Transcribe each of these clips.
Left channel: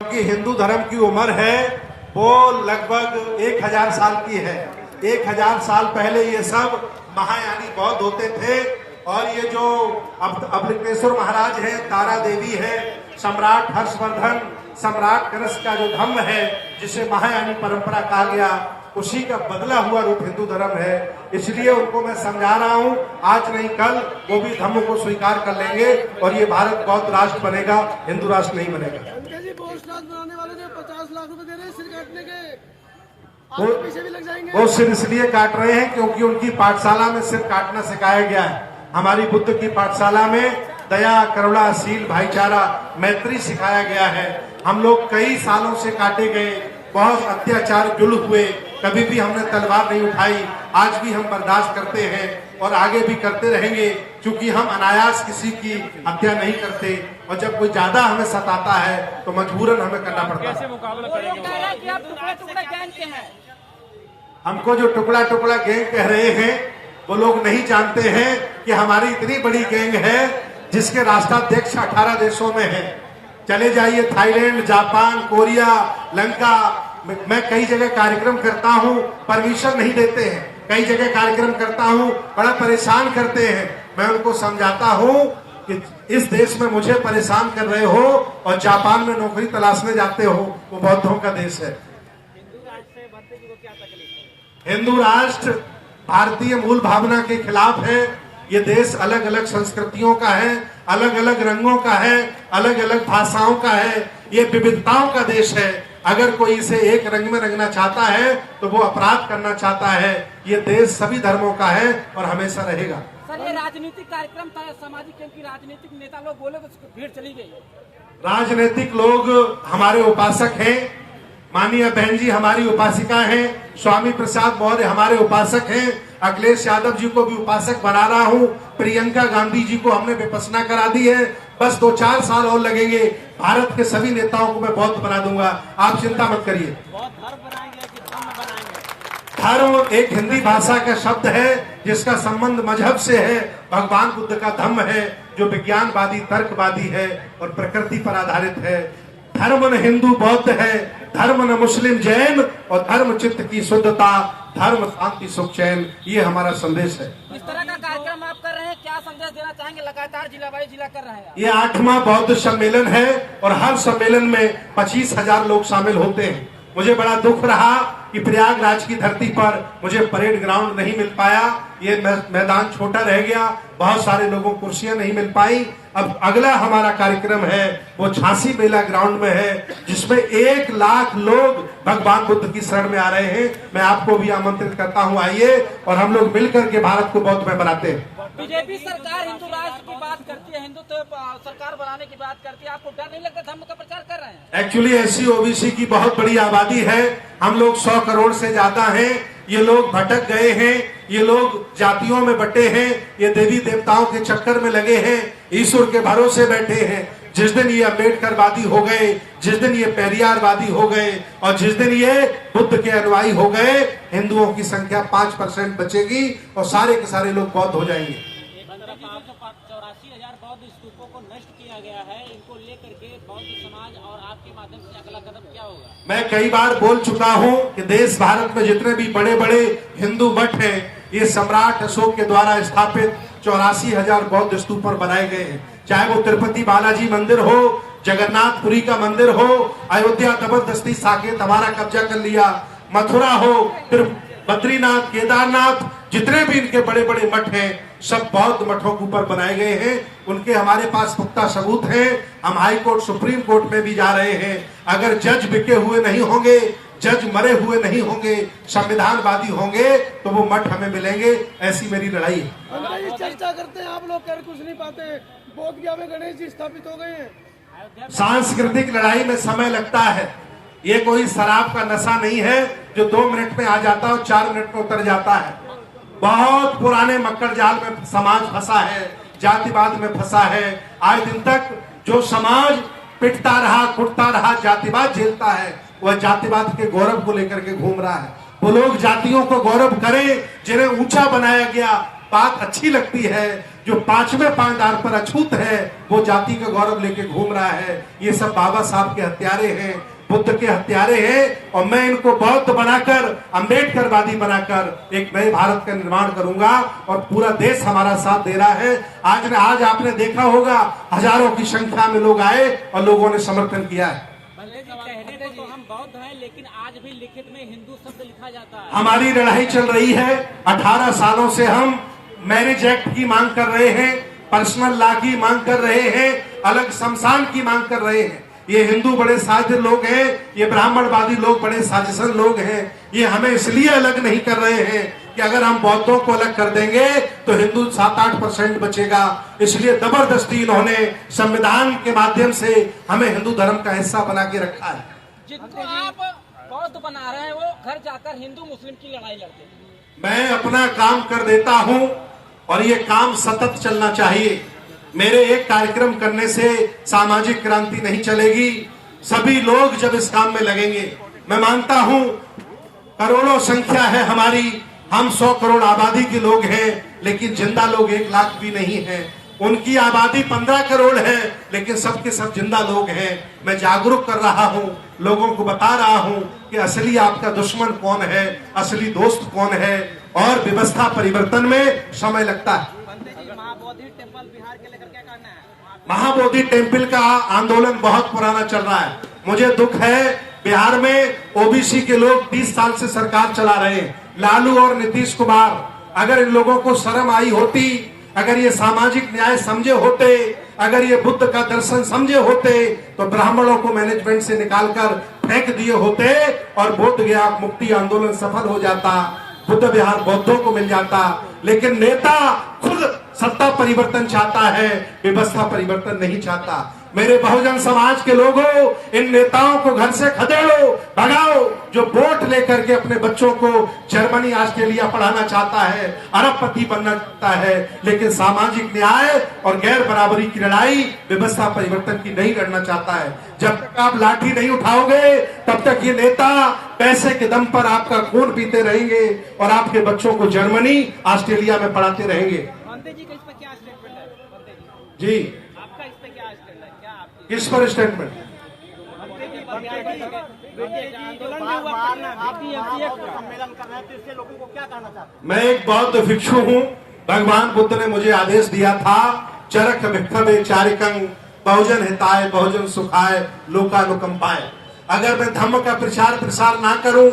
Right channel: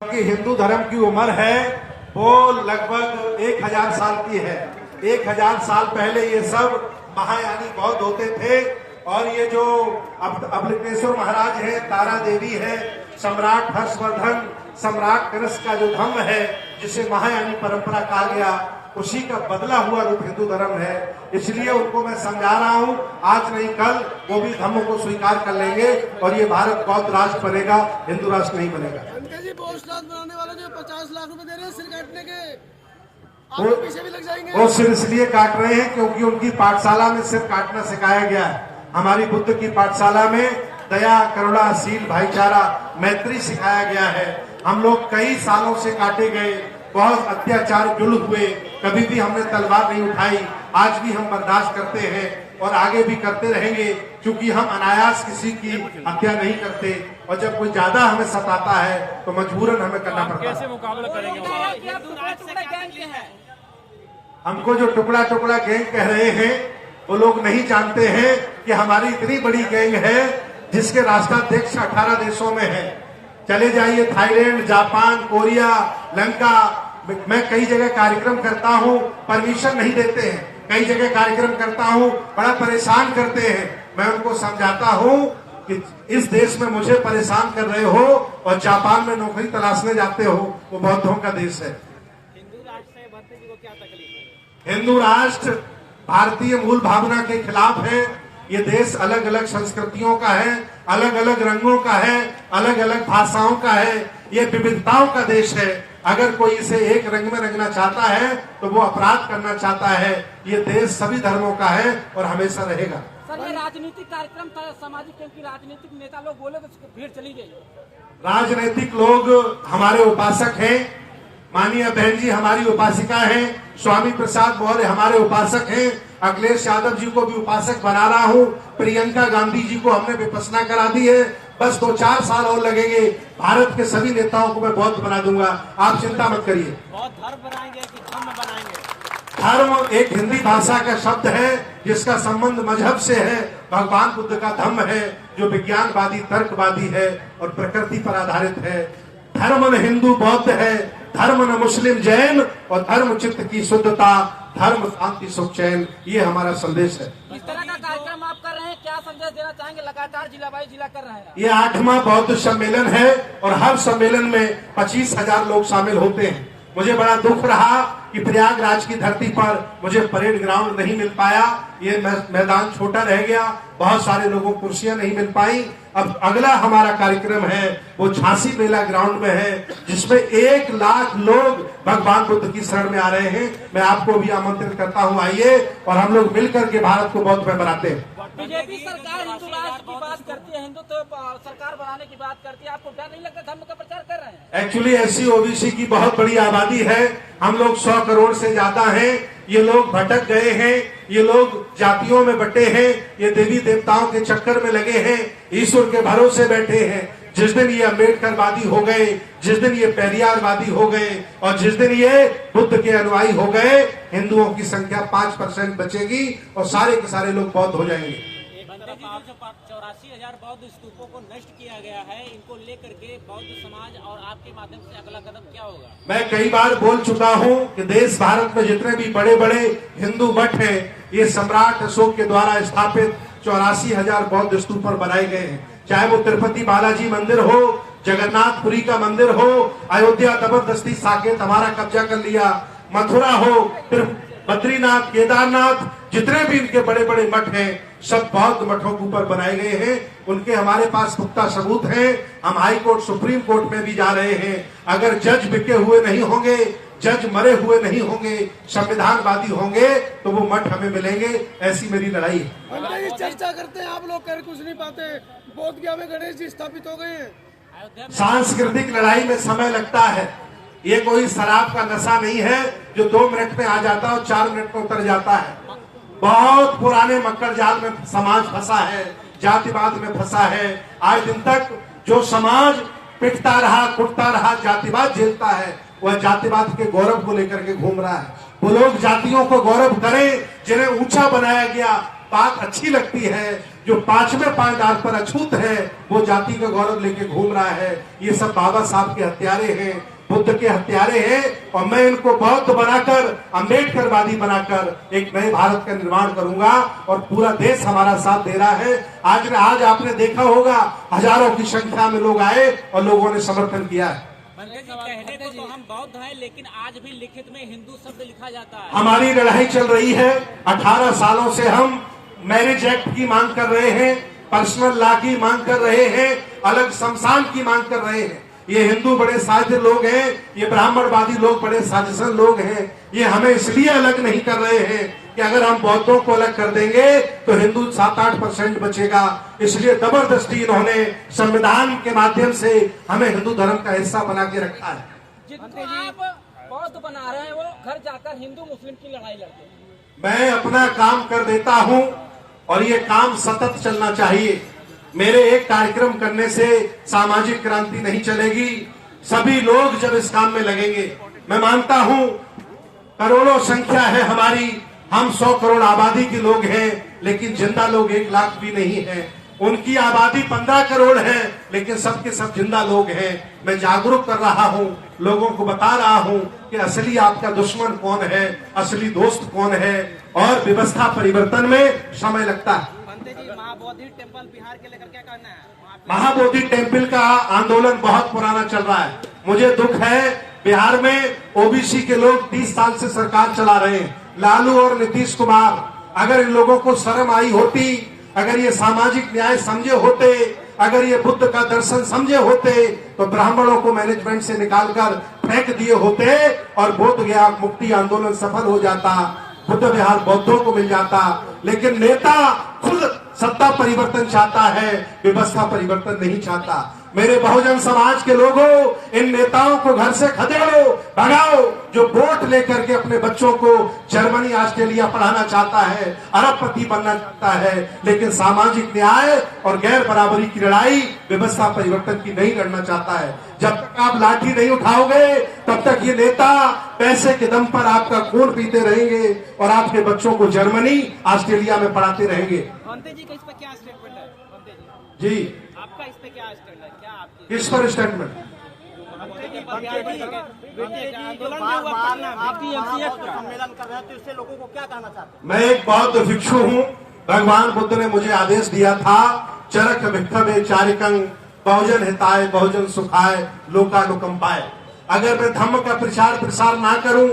कि हिंदू धर्म की उम्र है वो लगभग 1000 साल की है। 1000 साल पहले ये सब महायानी बौद्ध होते थे और ये जो अमृतेश्वर महाराज है, तारा देवी है, सम्राट हर्षवर्धन, सम्राट कनिष्क का जो धर्म है जिसे महायानी परंपरा कहा गया, उसी का बदला हुआ रूप हिंदू धर्म है। इसलिए उनको मैं समझा रहा हूँ, आज नहीं कल वो भी धर्म को स्वीकार कर लेंगे और ये भारत बौद्ध राष्ट्र बनेगा, हिंदू राष्ट्र नहीं बनेगा। बनाने वाले ने 50 लाख रुपए दे रहे हैं सिर काटने के, वो पीछे भी लग जाएंगे। वो सिर इसलिए काट रहे हैं क्योंकि उनकी पाठशाला में सिर काटना सिखाया गया है। हमारी बुद्ध की पाठशाला में दया, करुणा, शील, भाईचारा, मैत्री सिखाया गया है। हम लोग कई सालों से काटे गए, बहुत अत्याचार जुल्म हुए, कभी भी हमने तलवार नहीं उठाई। आज भी हम बर्दाश्त करते हैं और आगे भी करते रहेंगे, क्योंकि हम अनायास किसी की हत्या नहीं करते और जब कोई ज्यादा हमें सताता है तो मजबूरन हमें करना पड़ता है। हमको जो टुकड़ा टुकड़ा गैंग कह रहे हैं वो लोग नहीं जानते हैं कि हमारी इतनी बड़ी गैंग है जिसके राष्ट्राध्यक्ष 18 देशों में है। चले जाइए थाईलैंड, जापान, कोरिया, लंका, मैं कई जगह कार्यक्रम करता हूँ, परमिशन नहीं देते हैं। कई जगह कार्यक्रम करता हूँ, बड़ा परेशान करते हैं। मैं उनको समझाता हूँ कि इस देश में मुझे परेशान कर रहे हो और जापान में नौकरी तलाशने जाते हो, वो बौद्धों का देश है। हिंदू राष्ट्र भारतीय मूल भावना के खिलाफ है। ये देश अलग अलग संस्कृतियों का है, अलग अलग रंगों का है, अलग अलग भाषाओं का है। ये विविधताओं का देश है। अगर कोई इसे एक रंग में रंगना चाहता है तो वो अपराध करना चाहता है। ये देश सभी धर्मों का है और हमेशा रहेगा। सर, ये राजनीतिक कार्यक्रम था सामाजिक, क्योंकि राजनीतिक नेता लोग बोले तो भीड़ चली गई। राजनीतिक लोग हमारे उपासक हैं। माननीय बहन जी हमारी उपासिका हैं। स्वामी प्रसाद मौर्य हमारे उपासक हैं। अखिलेश यादव जी को भी उपासक बना रहा हूँ। प्रियंका गांधी जी को हमने विपश्यना करा दी है। बस 2-4 साल और लगेंगे, भारत के सभी नेताओं को मैं बौद्ध बना दूंगा। आप चिंता मत करिए। धर्म एक हिंदी भाषा का शब्द है जिसका संबंध मजहब से है। भगवान बुद्ध का धम्म है जो विज्ञानवादी, तर्कवादी है और प्रकृति पर आधारित है। धर्म न हिंदू बौद्ध है, धर्म न मुस्लिम जैन, और धर्म चित्त की शुद्धता, धर्म शांति सुख चैन, ये हमारा संदेश है। इस तरह का कार्यक्रम आप कर रहे हैं, क्या संदेश देना चाहेंगे? लगातार जिला बाई जिला कर रहे हैं। ये 8वां बौद्ध सम्मेलन है और हर सम्मेलन में 25,000 लोग शामिल होते हैं। मुझे बड़ा दुख रहा कि प्रयागराज की धरती पर मुझे परेड ग्राउंड नहीं मिल पाया। ये मैदान छोटा रह गया, बहुत सारे लोगों को कुर्सियां नहीं मिल पाई। अब अगला हमारा कार्यक्रम है वो झांसी मेला ग्राउंड में है, जिसमें 1 लाख लोग भगवान बुद्ध की शरण में आ रहे हैं। मैं आपको भी आमंत्रित करता हूं, आइए और हम लोग मिलकर के भारत को बौद्ध में बनाते हैं। बीजेपी सरकार हिंदू राष्ट्र की बात करती है, हिंदुत्व सरकार बनाने की बात करती है, आपको डर नहीं लगता धर्म का प्रचार कर रहे हैं? एक्चुअली एससी ओबीसी की बहुत बड़ी आबादी है। हम लोग 100 करोड़ से ज्यादा हैं। ये लोग भटक गए हैं, ये लोग जातियों में बटे हैं, ये देवी देवताओं के चक्कर में लगे हैं, ईश्वर के भरोसे बैठे हैं। जिस दिन ये अम्बेडकरवादी हो गए, जिस दिन ये पेरियारवादी हो गए और जिस दिन ये बुद्ध के अनुयायी हो गए, हिंदुओं की संख्या 5% बचेगी और सारे के सारे लोग बौद्ध हो जाएंगे। 84,000 बौद्ध स्तूपों को नष्ट किया गया है, इनको लेकर के बौद्ध समाज और आपके माध्यम से अगला कदम क्या होगा? मैं कई बार बोल चुका हूं कि देश भारत में जितने भी बड़े बड़े हिंदू मठ हैं, ये सम्राट अशोक के द्वारा स्थापित 84,000 बौद्ध स्तूप पर बनाए गए हैं। चाहे वो तिरुपति बालाजी मंदिर हो, जगन्नाथपुरी का मंदिर हो, अयोध्या जबरदस्ती साकेत हमारा कब्जा कर लिया, मथुरा हो, फिर बद्रीनाथ, केदारनाथ, जितने भी इनके बड़े बड़े मठ हैं सब बौद्ध मठों के ऊपर बनाए गए हैं। उनके हमारे पास पुख्ता सबूत है। हम हाई कोर्ट, सुप्रीम कोर्ट में भी जा रहे हैं। अगर जज बिके हुए नहीं होंगे, जज मरे हुए नहीं होंगे, संविधानवादी होंगे तो वो मठ हमें मिलेंगे। ऐसी मेरी लड़ाई है। हम तो चर्चा करते हैं, आप लोग कह कुछ नहीं पाते। बोध गया में गणेश जी स्थापित हो गए हैं। सांस्कृतिक लड़ाई में समय लगता है। ये कोई शराब का नशा नहीं है जो 2 मिनट में आ जाता है और 4 मिनट में उतर जाता है। बहुत पुराने मक्कर जाल में समाज फंसा है, जातिवाद में फंसा है। आज दिन तक जो समाज पिटता रहा, कुटता रहा, जातिवाद झेलता है, वह जातिवाद के गौरव को लेकर के घूम रहा है। वो लोग जातियों को गौरव करें जिन्हें ऊंचा बनाया गया, बात अच्छी लगती है। जो 5वें पायदान पर अछूत है, वो जाति का गौरव लेके घूम रहा है। ये सब बाबा साहब के हत्यारे हैं, बुद्ध के हत्यारे हैं, और मैं इनको बौद्ध बनाकर, अम्बेडकरवादी बनाकर एक नए भारत का निर्माण करूंगा। और पूरा देश हमारा साथ दे रहा है। आज आपने देखा होगा, हजारों की संख्या में लोग आए और लोगों ने समर्थन किया है। पंडित जी, कहने को तो हम बौद्ध हैं, लेकिन आज भी लिखित में हिंदू शब्द लिखा जाता है। हमारी लड़ाई चल रही है। 18 सालों से हम मैरिज एक्ट की मांग कर रहे हैं, पर्सनल लॉ की मांग कर रहे हैं, अलग शमशान की मांग कर रहे हैं। ये हिंदू बड़े साध्य लोग हैं, ये ब्राह्मणवादी लोग बड़े साजिशन लोग हैं। ये हमें इसलिए अलग नहीं कर रहे हैं कि अगर हम बौद्धों को अलग कर देंगे तो हिंदू 7-8% बचेगा। इसलिए जबरदस्ती इन्होंने संविधान के माध्यम से हमें हिंदू धर्म का हिस्सा बना के रखा है। जिनको आप बौद्ध बना रहे हैं, वो घर जाकर हिंदू मुस्लिम की लड़ाई लड़ते हैं। मैं अपना काम कर देता हूं और ये काम सतत चलना चाहिए। मेरे एक कार्यक्रम करने से सामाजिक क्रांति नहीं चलेगी। सभी लोग जब इस काम में लगेंगे, मैं मानता हूं करोड़ों संख्या है हमारी, हम 100 करोड़ आबादी के लोग हैं, लेकिन जिंदा लोग 1 लाख भी नहीं है। उनकी आबादी 15 करोड़ है, लेकिन सबके सब जिंदा लोग हैं। मैं जागरूक कर रहा हूं, लोगों को बता रहा हूं कि असली आपका दुश्मन कौन है, असली दोस्त कौन है, और व्यवस्था परिवर्तन में समय लगता है। महाबोधि टेम्पल बिहार के लेकर क्या कहना है? महाबोधि टेम्पल का आंदोलन बहुत पुराना चल रहा है। मुझे दुख है, बिहार में ओबीसी के लोग 20 साल से सरकार चला रहे हैं, लालू और नीतीश कुमार। अगर इन लोगों को शर्म आई होती, अगर ये सामाजिक न्याय समझे होते, अगर ये बुद्ध का दर्शन समझे होते, तो ब्राह्मणों को मैनेजमेंट से निकालकर फेंक दिए होते और बोध गया मुक्ति आंदोलन सफल हो जाता, बुद्ध विहार बौद्धों को मिल जाता। लेकिन नेता खुद सत्ता परिवर्तन चाहता है, व्यवस्था परिवर्तन नहीं चाहता। मेरे बहुजन समाज के लोगों, इन नेताओं को घर से खदेड़ो, भगाओ, जो वोट लेकर के अपने बच्चों को जर्मनी, ऑस्ट्रेलिया पढ़ाना चाहता है, अरबपति बनना चाहता है, लेकिन सामाजिक न्याय और गैर बराबरी की लड़ाई, व्यवस्था परिवर्तन की नहीं लड़ना चाहता है। जब तक आप लाठी नहीं उठाओगे, तब तक ये नेता पैसे के दम पर आपका खून पीते रहेंगे और आपके बच्चों को जर्मनी, ऑस्ट्रेलिया में पढ़ाते रहेंगे। पंडित जी का इस पर क्या स्टेटमेंट है? पंडित जी, जी, आपका इस पे क्या स्टेटमेंट है? क्या आपकी किस पर स्टेटमेंट? सम्मेलन कर रहे हैं, तो इससे लोगों को क्या कहना चाहते हैं? मैं एक बौद्ध भिक्षु हूँ। भगवान बुद्ध ने मुझे आदेश दिया था, चरक भिक्षवे चारिकं बहुजन हिताय बहुजन सुखाय लोकानुकंपाय। अगर मैं धर्म का प्रचार प्रसार ना करूं,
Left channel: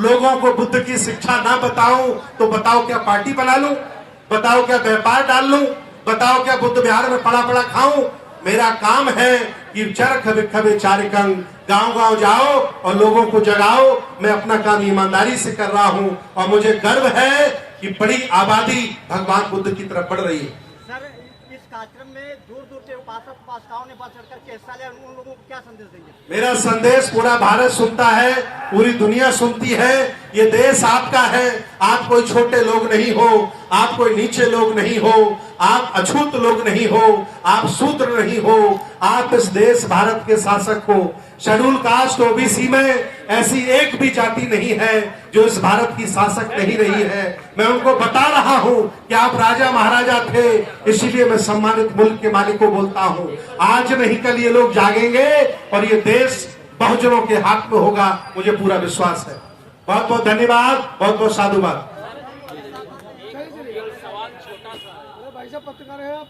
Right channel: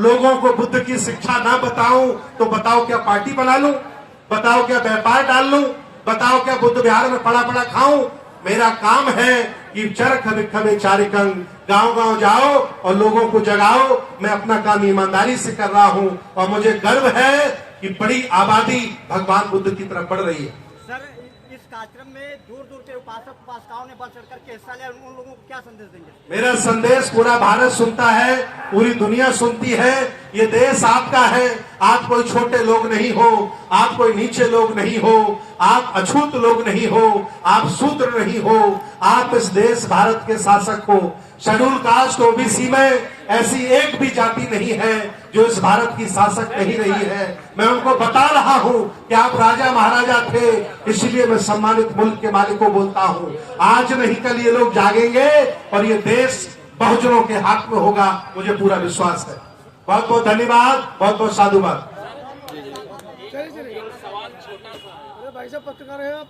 लोगों को बुद्ध की शिक्षा ना बताऊं, तो बताओ क्या पार्टी बना लूं? बताओ क्या व्यापार डाल लूं? बताओ क्या बुद्ध विहार में पड़ा पड़ा खाऊं? मेरा काम है कि चरक भिक्षवे चारिकं, गांव गांव जाओ और लोगों को जगाओ। मैं अपना काम ईमानदारी से कर रहा हूं और मुझे गर्व है कि बड़ी आबादी भगवान बुद्ध की तरफ बढ़ रही है। सर, इस कार्यक्रम में दूर दूर के उपासक उपासिकाओं ने बढ़ चढ़कर के हिस्सा लिया, उन लोगों को क्या संदेश देंगे? मेरा संदेश पूरा भारत सुनता है, पूरी दुनिया सुनती है। ये देश आपका है, आप कोई छोटे लोग नहीं हो, आप कोई नीचे लोग नहीं हो, आप अछूत लोग नहीं हो, आप शूद्र नहीं हो। आप इस देश भारत के शासक हो। शेड्यूल कास्ट ओबीसी में ऐसी एक भी जाति नहीं है जो इस भारत की शासक नहीं रही है। मैं उनको बता रहा हूं कि आप राजा महाराजा थे, इसीलिए मैं सम्मानित मुल्क के मालिक को बोलता हूं, आज नहीं कल ये लोग जागेंगे और ये देश बहुजनों के हाथ में होगा, मुझे पूरा विश्वास है। बहुत बहुत धन्यवाद, बहुत बहुत साधुवाद। चलिए अरे भाई साहब पत्रकार हैं आप?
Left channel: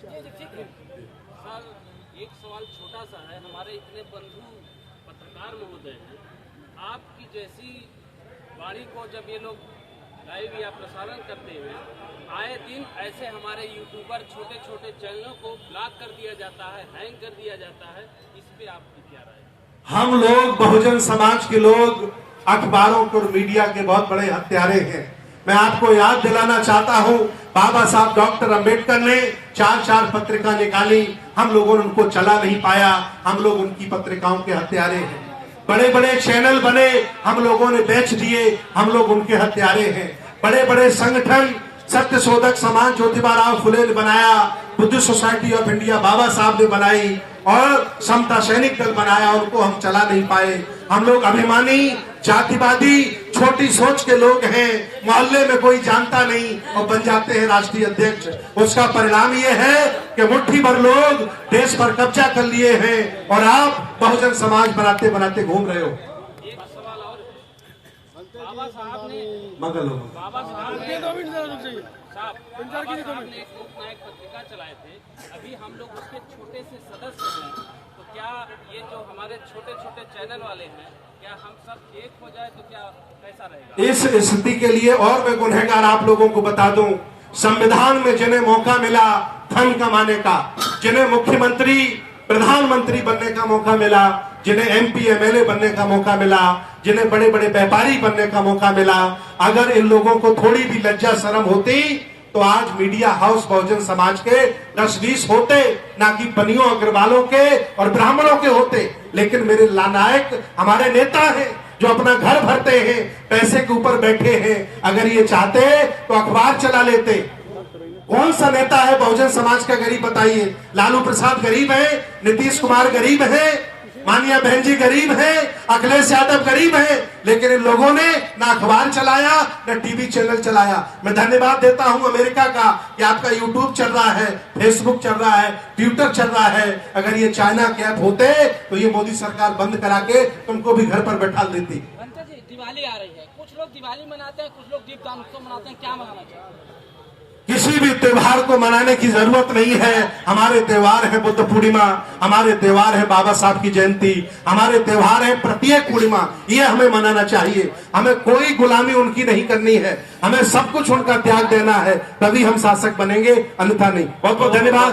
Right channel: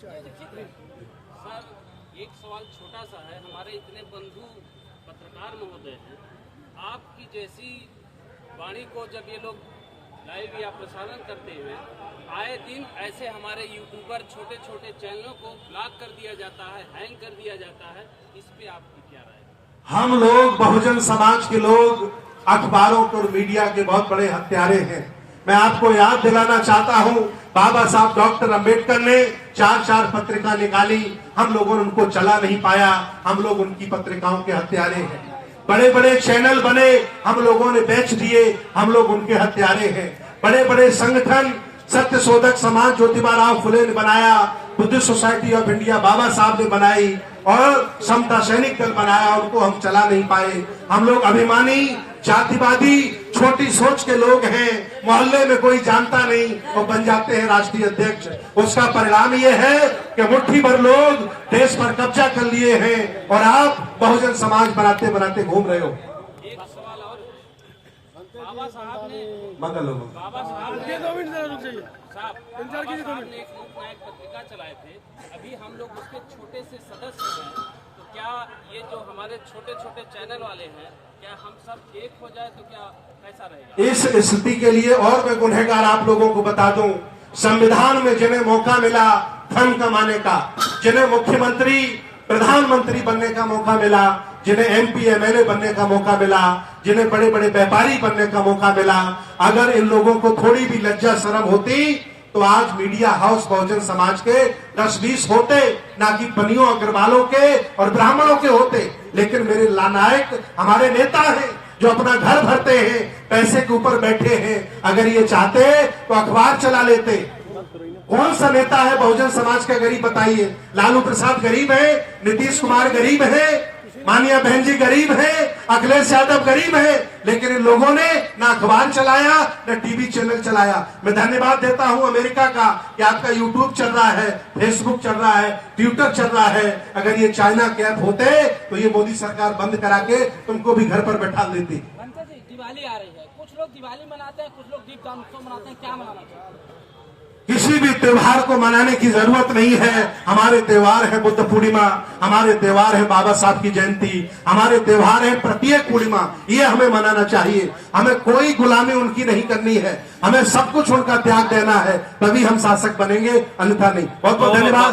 सर, एक सवाल छोटा सा है। हमारे इतने बंधु पत्रकार महोदय हैं, आपकी जैसी वाणी को जब ये लोग लाइव या प्रसारण करते हैं, आए दिन ऐसे हमारे यूट्यूबर छोटे छोटे चैनलों को ब्लॉक कर दिया जाता है, हैंग कर दिया जाता है। इस पे आपकी क्या राय है? हम लोग बहुजन समाज के लोग अखबारों को और मीडिया के बहुत बड़े हत्यारे हैं। मैं आपको याद दिलाना चाहता हूं, बाबा साहब डॉक्टर अंबेडकर ने 4 पत्रिका निकाली, हम लोगों ने उनको चला नहीं पाया, हम लोग उनकी पत्रिकाओं के हत्यारे हैं। बड़े बड़े चैनल बने, हम लोगों ने बेच दिए, हम लोग उनके हत्यारे हैं। बड़े बड़े संगठन, सत्य शोधक समाज ज्योतिबा राव फुले ने बनाया, बुद्धिस्ट सोसाइटी ऑफ इंडिया बाबा साहब ने बनाई, और समता सैनिक दल बनाया, उनको हम चला नहीं पाए। हम लोग अभिमानी, जातिवादी, छोटी सोच के लोग हैं, मोहल्ले में कोई जानता नहीं और बन जाते हैं राष्ट्रीय अध्यक्ष। उसका परिणाम ये है कि मुट्ठी भर लोग देश पर कब्जा कर लिए हैं और आप बहुजन समाज बनाते बनाते घूम रहे हो। एक सवाल और, बाबा साहब ने मगल हो बाबा साहब ने ये 2 मिनट जरा रुक जाइए। साहब पंचायत बाबा की साहब कमेटी। ने एक लोकनायक पत्रिका चलाए थे, अभी हम लोग उसके छोटे से सदस्य हैं, तो क्या ये जो हमारे छोटे छोटे चैनल वाले हैं, क्या हम सब एक हो जाए तो क्या कैसा रहेगा? इस स्थिति के लिए और मैं गुनहगार आप लोगों को बता दूं, संविधान में जिन्हें मौका मिला धन कमाने का, जिन्हें मुख्यमंत्री प्रधानमंत्री बनने का मौका मिला, जिन्हें एमपी एमएलए बनने का मौका मिला, जिन्हें बड़े बड़े व्यापारी बनने का मौका मिला, अगर इन लोगों को थोड़ी भी लज्जा शर्म होती तो आज मीडिया हाउस बहुजन समाज के 10-20 होते, ना कि पनियों अग्रवालों के और ब्राह्मणों के होते। लेकिन मेरे लानायक हमारे नेता हैं जो अपना घर भरते हैं, पैसे के ऊपर बैठे हैं। अगर ये चाहते तो अखबार चला लेते। कौन सा नेता है बहुजन समाज का गरीब बताइए? लालू प्रसाद गरीब है, नीतीश कुमार गरीब है, मानिया बहन जी गरीब है, अखिलेश यादव गरीब है, लेकिन इन लोगों ने ना अखबार चलाया ना टीवी चैनल चलाया। मैं धन्यवाद देता हूं अमेरिका का कि आपका यूट्यूब चल रहा है, फेसबुक चल रहा है, ट्विटर चल रहा है। अगर ये चाइना के ऐप होते तो ये मोदी सरकार बंद करा के तुमको भी घर पर बैठा लेती। बनते जी, दिवाली आ रही है, कुछ लोग दिवाली मनाते हैं, कुछ लोग दीपदान उत्सव मनाते हैं, क्या मनाना चाहिए? किसी भी त्योहार को मनाने की जरूरत नहीं है। हमारे त्योहार है बुद्ध पूर्णिमा, हमारे त्योहार है बाबा साहब की जयंती, हमारे त्योहार है प्रत्येक पूर्णिमा, ये हमें मनाना चाहिए। हमें कोई गुलामी उनकी नहीं करनी है, हमें सब कुछ उनका त्याग देना है, तभी हम शासक बनेंगे, अन्यथा नहीं। बहुत बहुत धन्यवाद।